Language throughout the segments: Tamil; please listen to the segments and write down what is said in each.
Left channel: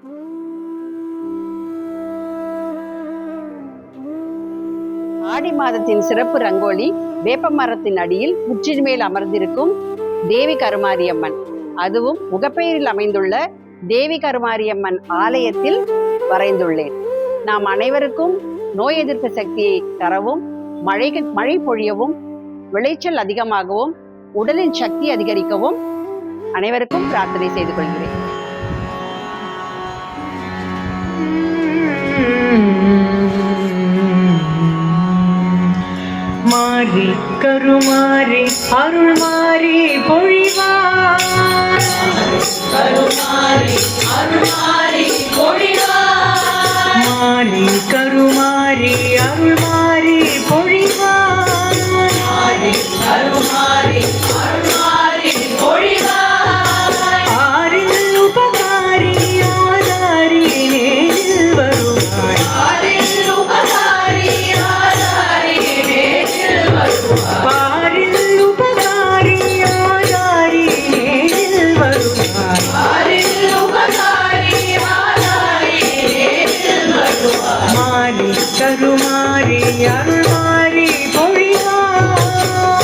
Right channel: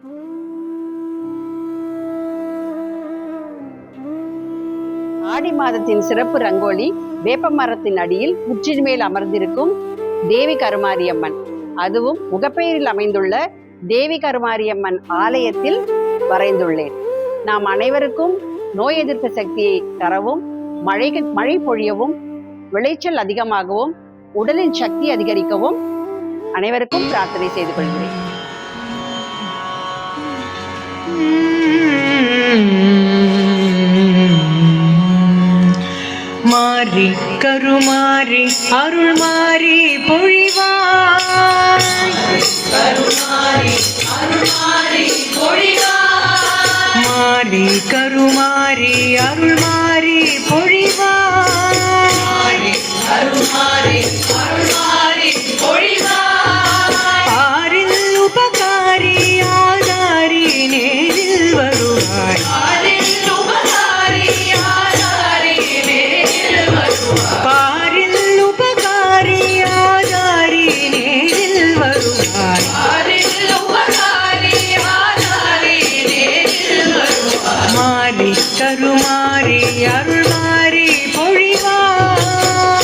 ஆடி மாதத்தின் சிறப்பு ரங்கோலி வேப்பமரத்தின் அடியில் முற்றின் மேல் அமர்ந்திருக்கும் தேவி கருமாரியம்மன். அதுவும் முகப்பெயரில் அமைந்துள்ள தேவி கருமாரியம்மன் ஆலயத்தில் வரைந்துள்ளேன். நாம் அனைவருக்கும் நோய் எதிர்ப்பு சக்தியை தரவும், மழை பொழியவும், விளைச்சல் அதிகமாகவும், உடலின் சக்தி அதிகரிக்கவும் அனைவருக்கும் பிரார்த்தனை செய்து கொள்கிறேன். மாறி கருமாறி அருள் மாறி பொழிவார், கருமாறி அருள் மாறி பொழிவார், மாறி கருமாறி அருள் மாறி பொழிவார், மாறி கருமாறி அருள் மாறி பொழிவார். ஆறில் உபகாரி ஆதாரி நேரில் வருவாய், ஆறில் உபகாரி ஆதாரி நேரில் வருவாய், ஆறில் உபகாரி ஆதாரி நேரில் வருவாய், ஆறில் உபகாரி ஆதாரி நேரில் வருவாய். மாறி கருமாறி அருள் மாறி பொழிவார்,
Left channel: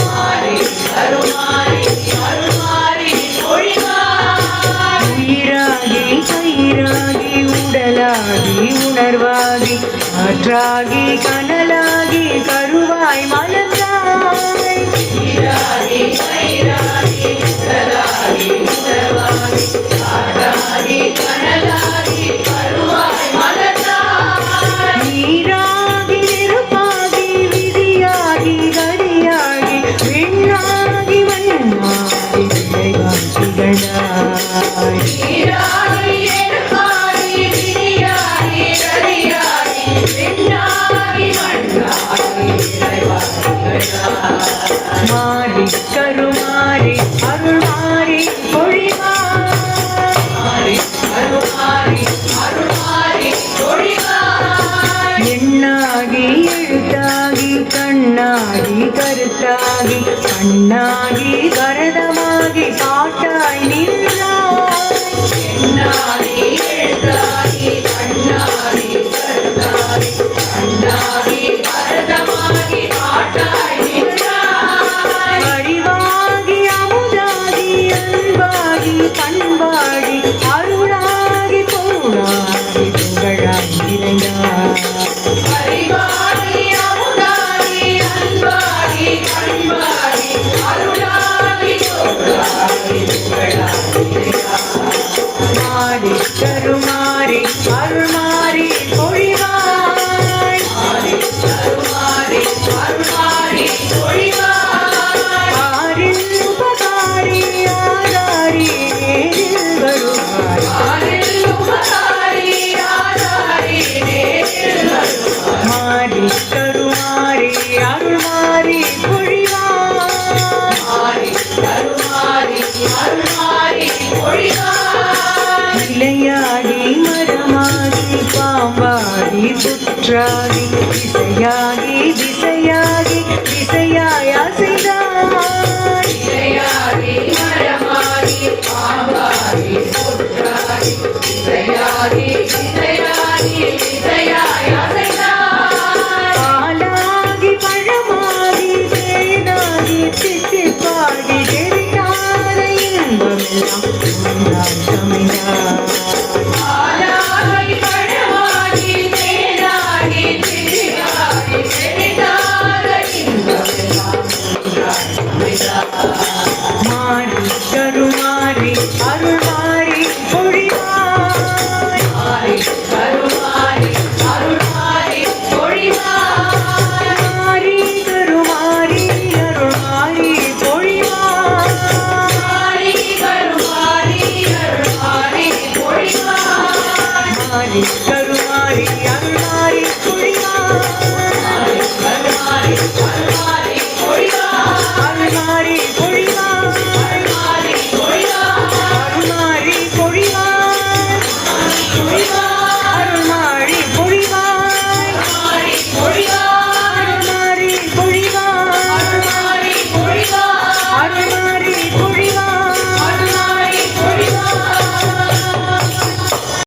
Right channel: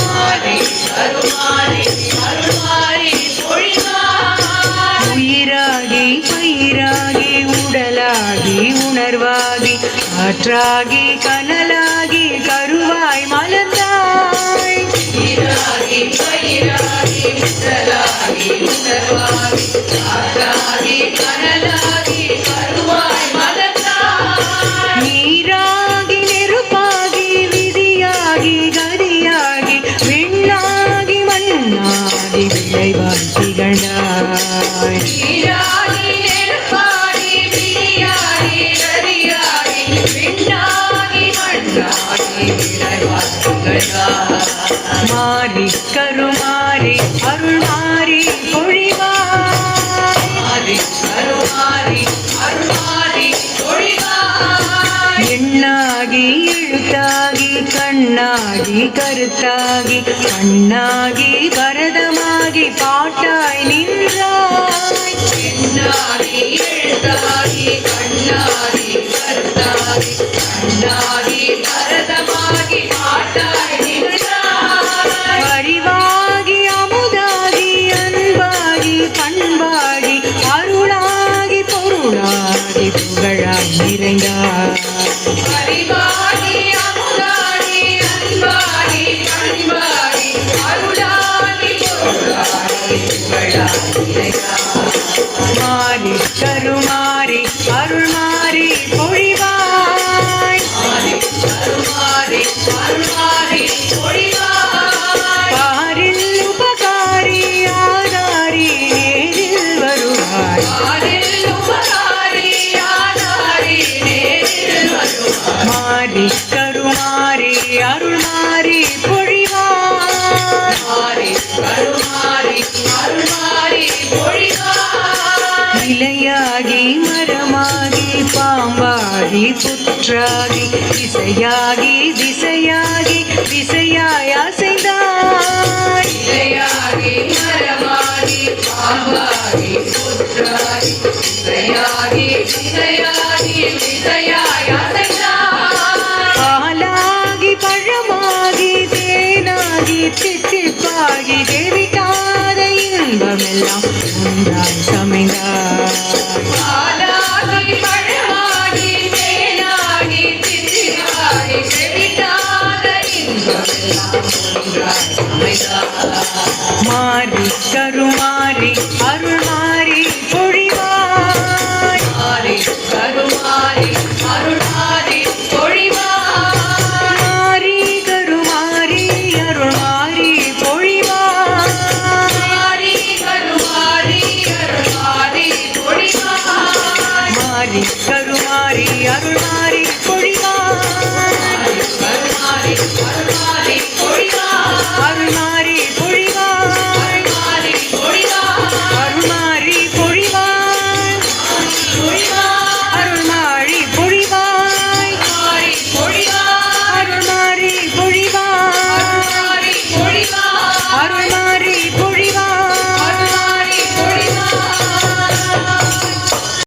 மாறி கருமாறி அருள் மாறி பொழிவார். உயிராகி கயிறாகி உடலாகி உணர்வாகி காற்றாகி கனலாகி கருவாய் மலர்ந்தாய், உயிராகி கயிறாகி உடலாகி உணர்வாகி காற்றாகி கனலாகி கருவாய் மலர்ந்தாய். நீராகி நெருப்பாகி விதியாகி கதியாகி விண்ணாகி மண்ணாகி விளைவாய் திகழ்ந்தாய், நீராகி நெருப்பாகி விதியாகி கதியாகி விண்ணாகி மண்ணாகி விளைவாய் திகழ்ந்தாய். மாறி கருமாறி அருள் மாறி பொழிவார், மாறி கருமாறி அருள் மாறி பொழிவார். எண்ணாகி எழுத்தாகி கண்ணாகி கருத்தாகி கண்ணாகி கரதமாகி பாட்டாய் நின்றாய், எண்ணாகி எழுத்தாகி கண்ணாகி கருத்தாகி கண்ணாகி கரதமாகி பாட்டாய் நின்றாய். அறிவாகி அமுதாகி அன்பாகி பண்பாகி அருளாகி பொருளாகி புகழாய் நிறைந்தாய், அறிவாகி அமுதாகி அன்பாகி பண்பாகி அருளாகி பொருளாகி புகழாய் நிறைந்தாய். மாறி கருமாறி அருள் மாறி பொழிவாய், மாறி கருமாறி அருள் மாறி பொழிவாய். ஆறில் உபகாரி ஆதாரி நேரில் வருவாய், ஆறில் உபகாரி ஆதாரி நேரில் வருவாய். மாறி கருமாறி அருள் மாறி பொழிவாய், மாறி கருமாறி அருள் மாறி பொழிவாய். இலையாகி மரமாகி பாம்பாகி புற்றாகி திசையாகி திசையாகி திசையாய் அசைந்தாய், இலையாகி மரமாகி பாம்பாகி புற்றாகி திசையாகி திசையாகி திசையாய் அசைந்தாய். பாலாகி பழமாகி தேனாகி தித்திப்பாகி தெரியாத இன்பமெல்லாம் உண்டாய் சமைந்தாய், பாலாகி பழமாகி தேனாகி தித்திப்பாகி தெரியாத இன்பமெல்லாம் உண்டாய் சமைந்தாய். மாறி கருமாறி அருள் மாறி பொழிவாய், மாறி கருமாறி அருள் மாறி பொழிவாய், மாறி கருமாறி அருள் மாறி பொழிவாய், மாறி கருமாறி அருள் மாறி பொழிவாய். மாறி